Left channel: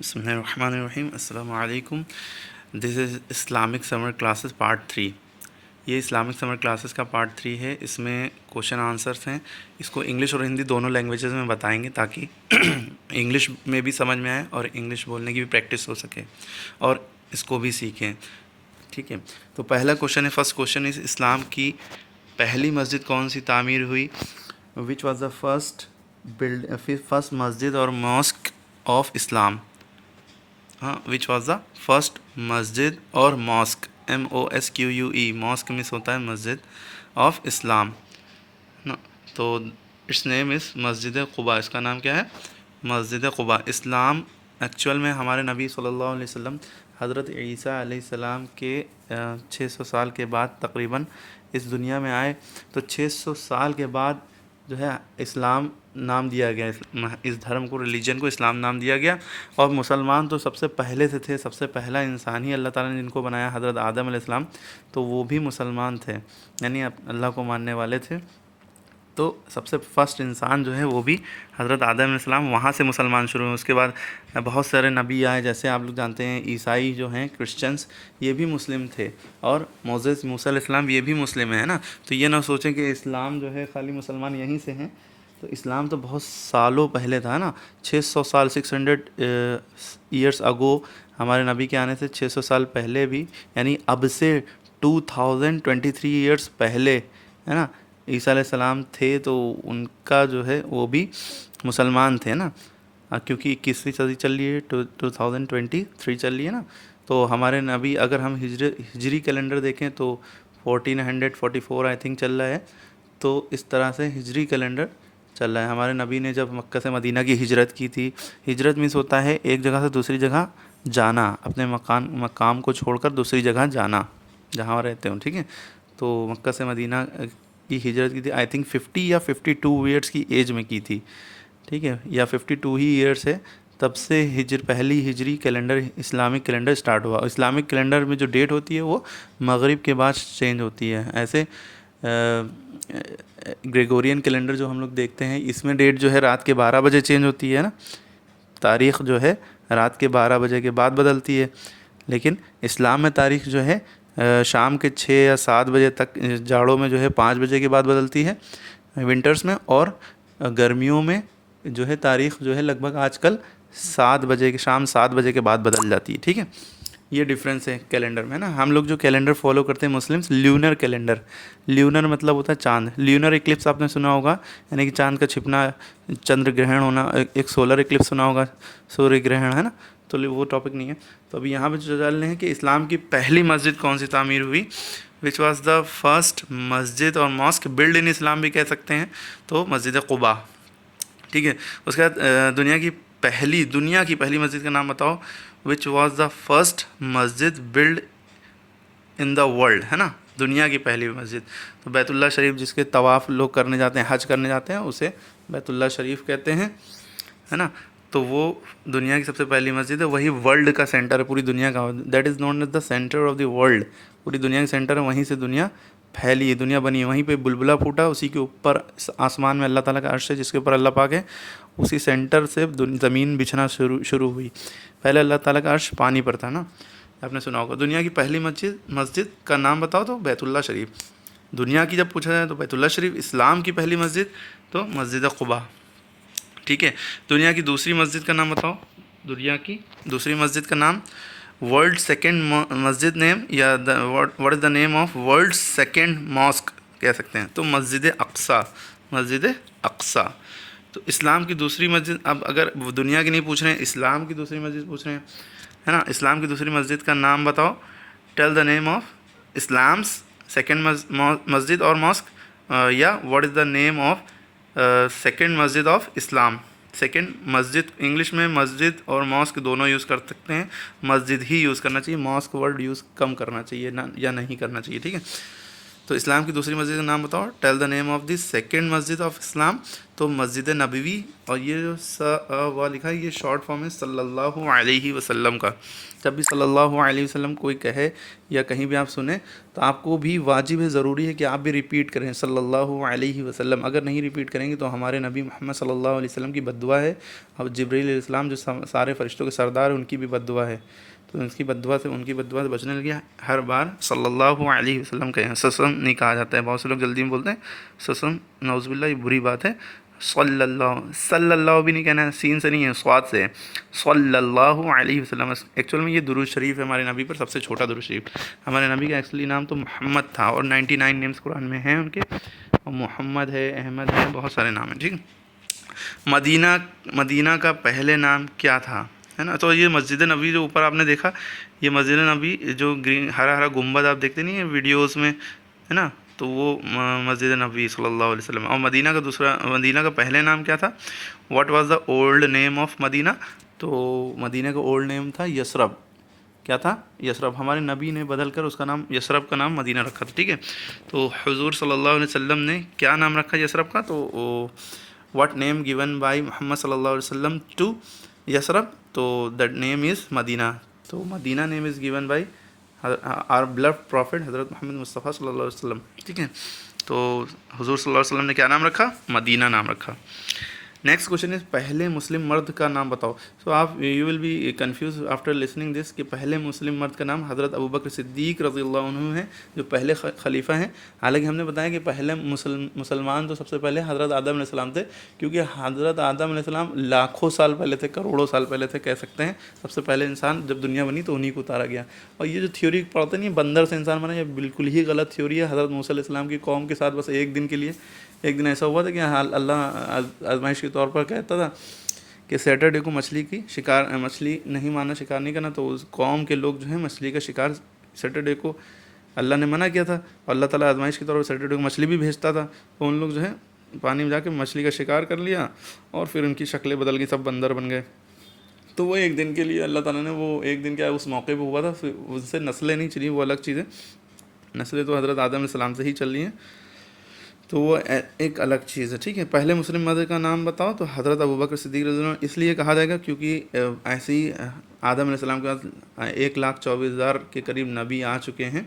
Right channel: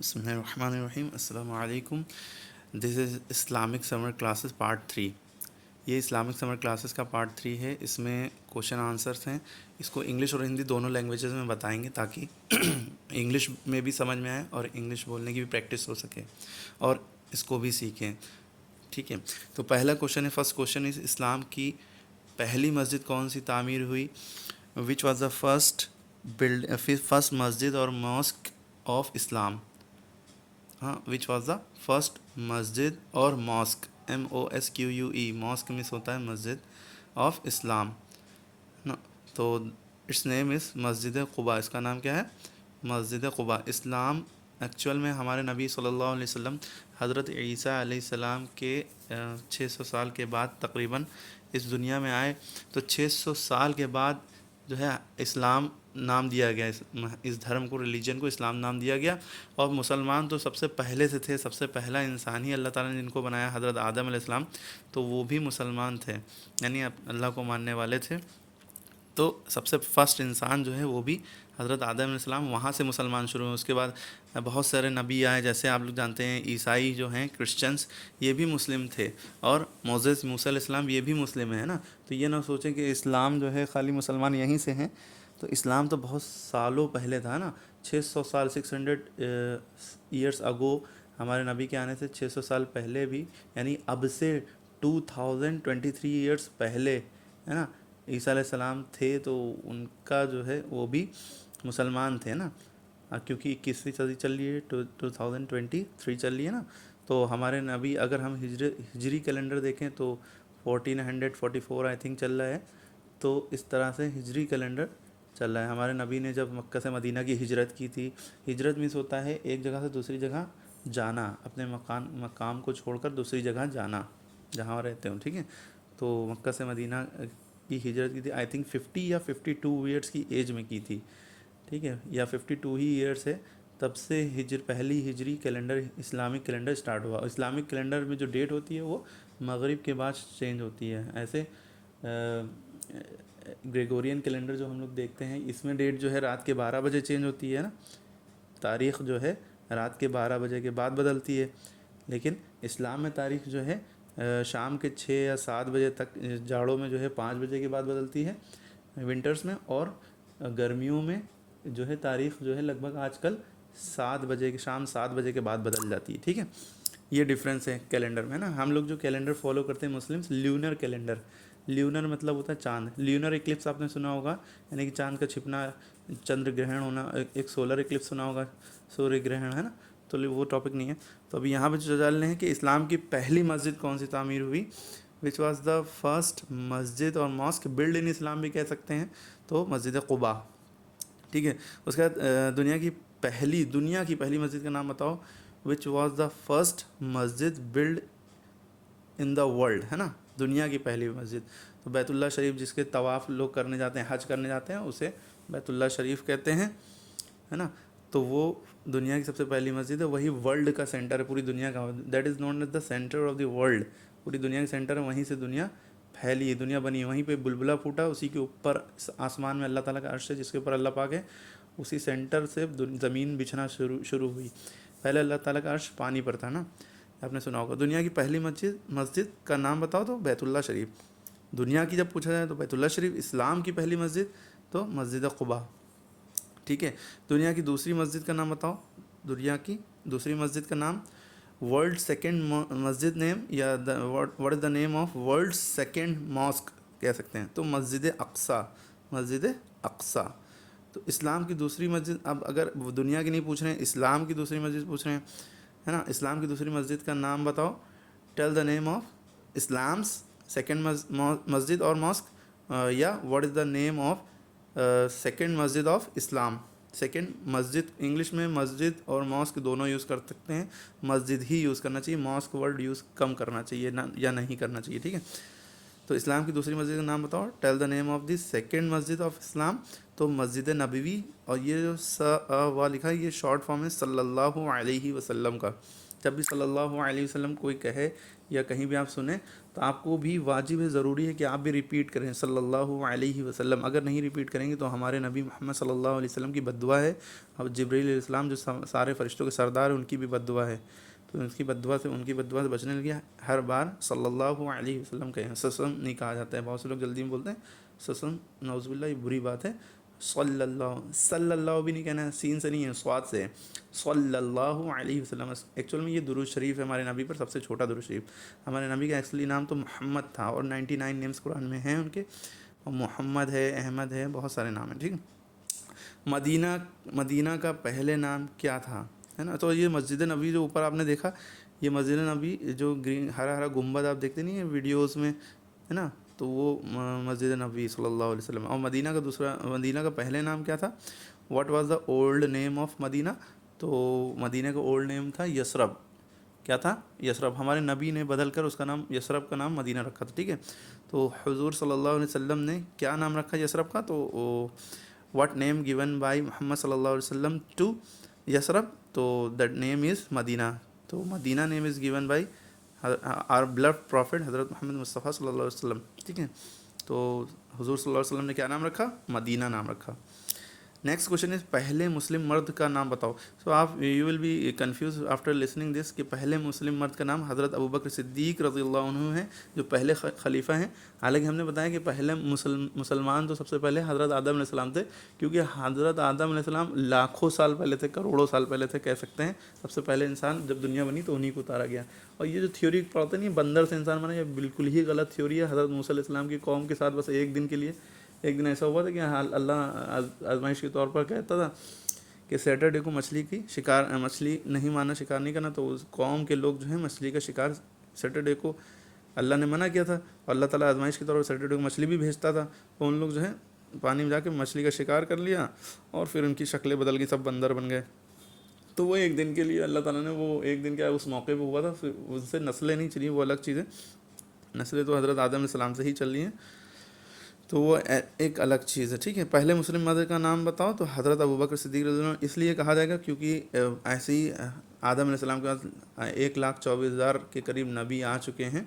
بسم اللہ الرحمن الرحیم. السلام علیکم. This is Islamic summer classes part 3. یہ اسلامک سمر کلاسز کا پارٹ 3 ہے. اس میں کوشچن آنسرس ہیں. اس کو انگلش اور ہندی دونوں لینگویجز میں بتائیں گے تاکہ انگلش میں بھی سمجھ میں آئے اور انگلش بولنے کی بھی پریکٹس ہو سکے اور اس کو بھی سیکھیں. ٹھیک ہے. تو پہلا کوشچن ہے. فرسٹ کوشچن از اسلام کی پہلی مسجد کون سی تعمیر ہوئی؟ وچ واز دا فرسٹ مسجد اور ماسک آف اسلام. ہاں، وچ واز دا فرسٹ مسجد اور ماسک، MOSQUE، ماسک مس ہوتا ہے مسجد آف اسلام نا. تو اٹس نیم از مسجد قباء. اس کا نام کیا ہے؟ مسجد قباء. اسلام ایکچوئل میں ہمارے نبی صلی اللہ علیہ وسلم حضرت عیسیٰ علیہ السلام کے 600 سال کے بعد تقریباً اس دنیا میں آئے. تو 600 سال کے بعد جو ہے اسلام نام دیا گیا، اس دھرم کو، ریلیجن کو اسلام نام دیا گیا. اور مسلمان تو سب سے پہلے سے تھے. سب سے پہلا انسان ہی اللہ تعالیٰ نے جن کو بنایا حضرت آدم علیہ السلام، تو وہ بھی مسلمان تھے، یعنی اللہ کو ماننے والے تھے. تو سب سے فرسٹ انسان جو ہے وہ بھی حضرت آدم علیہ السلام، وہاں سے مسلمان شروع ہوئے. اس کے بعد بہت سارے نبی آئے، جیسے آپ لوگ جانتے ہیں عیسائی جو ہیں، کرسچنس، یہ بھی مسلم تھے. اور موسیٰ علیہ السلام یہ بھی مسلم ہیں نا. تو یہ نہ سوچیں کہ اسلام جو ہے خالی مسلمان یہیں سے ہیں. تو اسلام تو بہت سالوں پہلے تھا نا. 600 سال 600 ایئرس اگو، ہمارے نبی کے آنے سے 600 سال پہلے بھی، یعنی اب سے 2023 ایئرس پہلے ہے نا عیسیٰ علیہ السلام تھے. تو ان کا جو ہے وہ بھی مسلمان تھے نا، کیونکہ 21ویں صدی چل رہی ہے، 2023 چل رہی ہے نا. تو ہمارے نبی، اگر ہم ہجری کیلنڈر دیکھیں تو 1444 آئی تھنک چل رہا ہے. تو اس طرح سے ہجری کیلنڈر چل رہا ہے. ہمارے نبی نے جب مکہ سے مدینہ کی ہجرت کی تھی، ہجرت مینس ہوتا ہے ایک جگہ سے دوسری جگہ جانا، اپنے مقام کو چھوڑ کر دوسری جگہ جانا جہاں رہتے ہوں. ٹھیک ہے. تو مکہ سے مدینہ کی ہجرت کی تھی، آئی تھنک 50 یا 52 ایئرس کی ایج میں کی تھی. ٹھیک ہے، یا 52 ہی ایئرس ہے. تب سے پہلی ہجری کیلنڈر، اسلامک کیلنڈر سٹارٹ ہوا. اسلامک کیلنڈر میں جو ڈیٹ ہوتی ہے وہ مغرب کے بعد چینج ہوتی ہے. ایسے گریگورین کیلنڈر جو ہم لوگ دیکھتے ہیں، اس میں ڈیٹ جو ہے رات کے 12 بجے چینج ہوتی ہے نا. تاریخ جو ہے رات کے 12 بجے کے بعد بدلتی ہے. لیکن اسلام میں تاریخ جو ہے شام کے 6 یا 7 بجے تک، جاڑوں میں جو ہے 5 بجے کے بعد بدلتی ہے ونٹرز میں. اور گرمیوں میں جو ہے تاریخ جو ہے لگ بھگ آج کل 7 بجے کے، شام 7 بجے کے بعد بدل جاتی ہے. ٹھیک ہے. یہ ڈفرینس ہے کیلنڈر میں نا. ہم لوگ جو کیلنڈر فالو کرتے ہیں مسلمس، لیونر کیلنڈر. لیونر مطلب ہوتا ہے چاند. لیونر اکلپس آپ نے سنا ہوگا، یعنی کہ چاند کا چھپنا، چندر گرہن ہونا. ایک سولر اکلپس سنا ہوگا، سوریہ گرہن ہے نا. تو وہ ٹاپک نہیں ہے. تو ابھی یہاں پہ جو جان لیں کہ اسلام کی پہلی مسجد کون سی تعمیر ہوئی، وچ واز دا فرسٹ مسجد اور ماسک بلڈ ان اسلام بھی کہہ سکتے ہیں. تو مسجد قباء. ٹھیک ہے. اس کے بعد دنیا کی پہلی مسجد کا نام بتاؤ. Which was the first Masjid blood in the world, ہے نا. دنیا کی پہلی مسجد. تو بیت اللہ شریف جس کے طواف لوگ کرنے جاتے ہیں، حج کرنے جاتے ہیں، اسے بیت اللہ شریف کہتے ہیں، ہے نا. تو وہ دنیا کی سب سے پہلی مسجد ہے. وہی ورلڈ کا سینٹر ہے، پوری دنیا کا. That is known as the centre of the world. پوری دنیا کا سینٹر ہے. وہیں سے دنیا پھیلی ہے، دنیا بنی ہے. وہیں پہ بلبلہ پھوٹا، اسی کے اوپر آسمان میں اللہ تعالیٰ کا عرش ہے جس کے اوپر اللہ پاک ہے. اسی سینٹر سے زمین بچھنا شروع ہوئی. پہلے اللہ تعالیٰ کا عرش پانی پر تھا نا، آپ نے سنا ہوگا. دنیا کی پہلی مسجد کا نام بتاؤ تو بیت اللہ شریف. دنیا کی جب پوچھا جائے تو بیت اللہ شریف. اسلام کی پہلی مسجد تو مسجد قباء. ٹھیک ہے. دنیا کی دوسری مسجد کا نام بتاؤ. دنیا کی دوسری مسجد کا نام، ورلڈ سیکنڈ مسجد نیم، یا what is the name of world second mosque کہہ سکتے ہیں. تو مسجد اقصیٰ. مسجد اقصیٰ. تو اسلام کی دوسری مسجد، اب اگر دنیا کی نہیں پوچھ رہے ہیں، اسلام کی دوسری مسجد پوچھ رہے ہیں، ہے نا. اسلام کی دوسری مسجد کا نام بتاؤ. Tell the name of اسلامس second مسجد اور ماسک، یا what is the name of second Masjid of Islam. Second Masjid, English میں مسجد اور ماسک دونوں یوز کر سکتے ہیں. مسجد ہی یوز کرنا چاہیے، ماسک ورڈ یوز کم کرنا چاہیے یا نہیں کرنا چاہیے. ٹھیک ہے. تو اسلام کی دوسری مسجد کا نام بتاؤ. Tell the name of the second Masjid of اسلام. تو مسجد نبوی. اور یہ جو وا لکھا ہے یہ شارٹ فارم ہے صلی اللہ علیہ وسلم کا. جب بھی صلی اللہ علیہ وسلم کوئی کہے یا کہیں بھی آپ سنیں تو آپ کو بھی واجب ہے, ضروری ہے کہ آپ بھی ریپیٹ کریں صلی اللہ علیہ وسلم. اگر نہیں ریپیٹ کریں گے تو ہمارے نبی محمد صلی اللہ علیہ وسلم کی بد دعا ہے. اور جبرائیل علیہ السلام جو سارے فرشتوں کے سردار ہیں ان کی بھی بد دعا ہے. تو ان کی بد دعا سے بچنے لگے ہر بار صلی اللہ علیہ وسلم کہیں. سسم نہیں کہا جاتا ہے, بہت سے لوگ جلدی میں بولتے ہیں سسم, نعوذ باللہ یہ بری بات ہے. صلی اللہ بھی نہیں کہنا ہے, سین سے نہیں ہے صاد سے ہے. صلی اللہ علیہ وسلم. ایکچوئل میں یہ درود شریف ہے ہمارے نبی پر, سب سے چھوٹا درود شریف. ہمارے نبی کا ایکچولی نام تو محمد تھا اور 99 نیمز قرآن میں ہیں ان کے. محمد ہے, احمد ہے, بہت سارے نام ہیں. ٹھیک. مدینہ کا پہلے نام کیا تھا, ہے نا. تو یہ مسجد نبوی جو اوپر آپ نے دیکھا, یہ مسجد نبوی جو گرین ہرا گنبد آپ دیکھتے نہیں ہیں ویڈیوز میں, ہے نا, تو وہ مسجد نبوی صلی اللہ علیہ وسلم. اور مدینہ کا پہلے نام کیا تھا؟ What was the old name of Madinah? تو مدینہ کا اولڈ نیم تھا یثرب. کیا تھا؟ یثرب. ہمارے نبی نے بدل کر اس کا نام یثرب کا نام مدینہ رکھا تھا. ٹھیک ہے. تو حضور صلی اللہ علیہ وسلم نے کیا نام رکھا یثرب کا؟ تو واٹ نیم گیون بائی محمد صلی اللہ علیہ وسلم ٹو یثرب؟ تو دیٹ نیم از مدینہ. تو Madinah name is given by our beloved prophet Hazrat Muhammad مصطفیٰ صلی اللہ علیہ وسلم. ٹھیک ہے. تو حضور صلی اللہ علیہ وسلم نے کیا نام رکھا؟ مدینہ نام رکھا. نیکسٹ کوشچن از پہلے مسلم مرد کا نام بتاؤ. سو آپ you will be confused after listening this کہ پہلے مسلم مرد کا نام حضرت ابوبکر صدیق رضی اللہ عنہ ہے جو پہلے خلیفہ ہیں. حالانکہ ہم نے بتایا کہ پہلے مسلمان تو سب سے پہلے حضرت آدم علیہ السلام تھے, کیونکہ حضرت آدم علیہ السلام لاکھوں سال پہلے تھے, کروڑوں سال پہلے تھے کہہ سکتے ہیں. سب سے پہلے انسان جب دنیا بنی تو انہیں کو اتارا گیا. اور یہ جو تھیوری پڑھتے نہیں بندر سے انسان بنا, یہ بالکل ہی غلط تھیوری ہے. حضرت موسیٰ علیہ السلام کی قوم کے ساتھ بس ایک دن کے لیے, ایک دن ایسا ہوا تھا کہ اللہ آزمائش کے طور پر کہتا تھا کہ سیٹرڈے کو مچھلی نہیں مارنا, شکار نہیں کرنا. تو اس قوم کے لوگ جو ہیں مچھلی کا شکار سیٹرڈے کو اللہ نے منع کیا تھا, اور اللہ تعالیٰ آزمائش کے طور پر سیٹرڈے کو مچھلی بھی بھیجتا تھا. تو ان لوگ جو ہے پانی میں جا کے مچھلی کا شکار کر لیا اور پھر ان کی شکلیں بدل گئی, سب بندر بن گئے. تو وہ ایک دن کے لیے اللہ تعالیٰ نے وہ ایک دن کیا اس موقع پہ ہوا تھا, ان سے نسلیں نہیں چلی, وہ الگ چیزیں. نسلیں تو حضرت آدم علیہ السلام سے ہی چل رہی ہیں, تو وہ ایک الگ چیز ہے. ٹھیک ہے. پہلے مسلم مرد کا نام بتاؤ. تو حضرت ابوبکر صدیق رضی اللہ عنہ اس لیے کہا جائے گا کیونکہ ایسی آدم علیہ السلام کے بعد 1,24,000 کے قریب نبی آ چکے ہیں.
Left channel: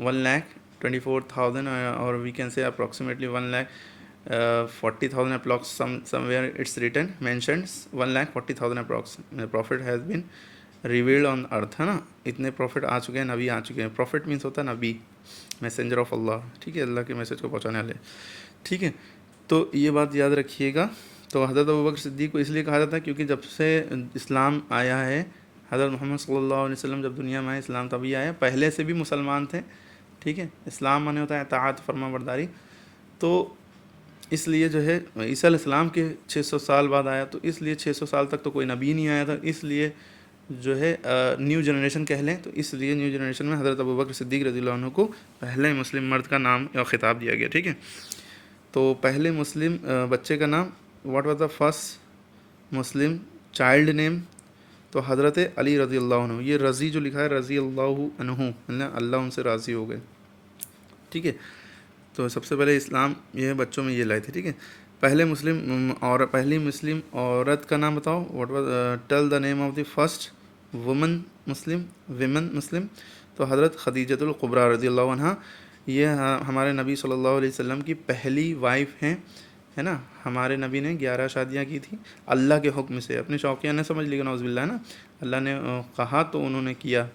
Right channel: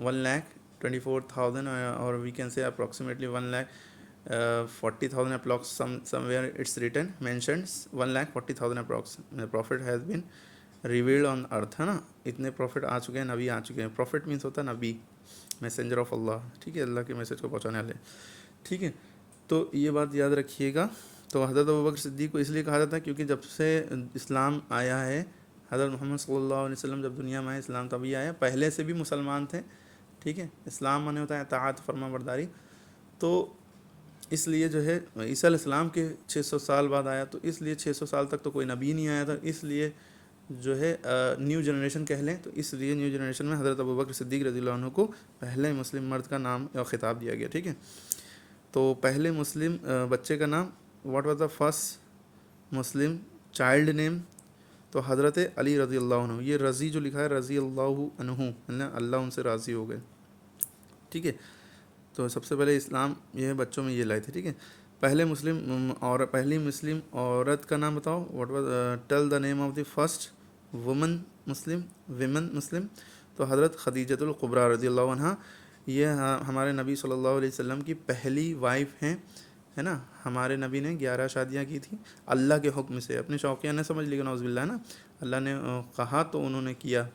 1,24,000 اور we can say approximately 1,40,000 approx somewhere it's written mentioned 1,40,000 approx prophet has been revealed on earth, ہے نا. اتنے پروفٹ آ چکے ہیں, نبی آ چکے ہیں. پروفٹ مینس ہوتا ہے نبی, میسنجر آف اللہ. ٹھیک ہے, اللہ کے میسج کو پہنچانے والے. ٹھیک ہے. تو یہ بات یاد رکھیے گا. تو حضرت ابوبکر صدیق کو اس لیے کہا جاتا ہے کیونکہ جب سے اسلام آیا ہے, حضرت محمد صلی اللہ علیہ وسلم جب دنیا میں آئے اسلام تبھی آیا. پہلے سے بھی مسلمان تھے. ٹھیک ہے. اسلام مانے ہوتا ہے اطاعت, فرما برداری. تو اس لیے جو ہے عیسیٰ علیہ السلام کے 600 سال بعد آیا, تو اس لیے 600 سال تک تو کوئی نبی نہیں آیا تھا. اس لیے جو ہے نیو جنریشن کہہ لیں, تو اس لیے نیو جنریشن میں حضرت ابوبکر صدیق رضی اللہ عنہ کو پہلے مسلم مرد کا نام یا خطاب دیا گیا. ٹھیک ہے. تو پہلے مسلم بچے کا نام, what was the first Muslim child name? تو حضرت علی رضی اللہ عنہ. یہ رضی جو لکھا ہے رضی اللہ عنہ, اللہ ان سے راضی ہو گئے. ٹھیک ہے. تو سب سے پہلے اسلام یہ بچوں میں یہ لائے تھے. ٹھیک ہے. پہلی مسلم عورت کا نام بتاؤ. What was tell the name of the first women Muslim. تو حضرت خدیجۃ الکبریٰ رضی اللہ عنہ, یہ ہمارے نبی صلی اللہ علیہ وسلم کی پہلی وائف ہیں, ہے نا. ہمارے نبی نے 11 شادیاں کی تھیں اللہ کے حکم سے, اپنے شوقیہ نے سمجھ لی نعوذ باللہ, ہے نا. اللہ نے کہا تو انہوں نے کیا.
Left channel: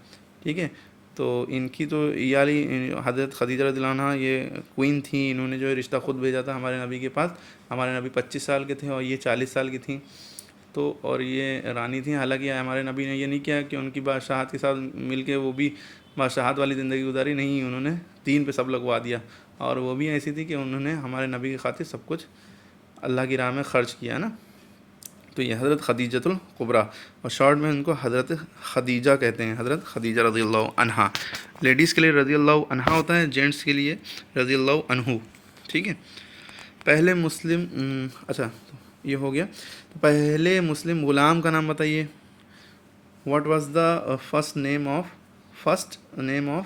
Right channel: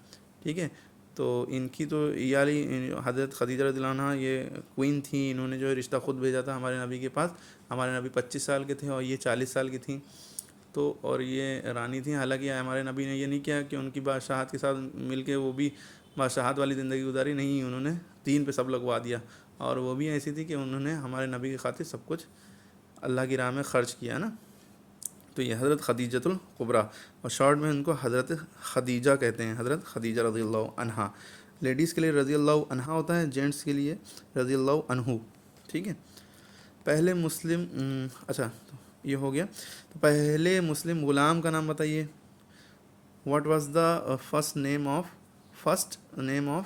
ٹھیک ہے. تو ان کی تو یہ حضرت خدیجہ رضی اللہ عنہ یہ کوئین تھیں, انہوں نے جو ہے رشتہ خود بھیجا تھا ہمارے نبی کے پاس. ہمارے نبی 25 سال کے تھے اور یہ 40 سال کی تھیں. تو اور یہ رانی تھیں. حالانکہ ہمارے نبی نے یہ نہیں کیا کہ ان کی بادشاہت کے ساتھ مل کے وہ بھی بادشاہت والی زندگی گزاری, نہیں, انہوں نے دین پہ سب لگوا دیا. اور وہ بھی ایسی تھی کہ انہوں نے ہمارے نبی کی خاطر سب کچھ اللہ کی راہ میں خرچ کیا, نا. تو یہ حضرت خدیجۃ الکبریٰ, اور شارٹ میں ان کو حضرت خدیجہ کہتے ہیں, حضرت خدیجہ رضی اللہ عنہا. لیڈیز کے لیے رضی اللہ عنہا ہوتا ہے, جینٹس کے لیے رضی اللہ عنہ. ٹھیک ہے. پہلے مسلم اچھا یہ ہو گیا. تو پہلے مسلم غلام کا نام بتائیے. What was the first name of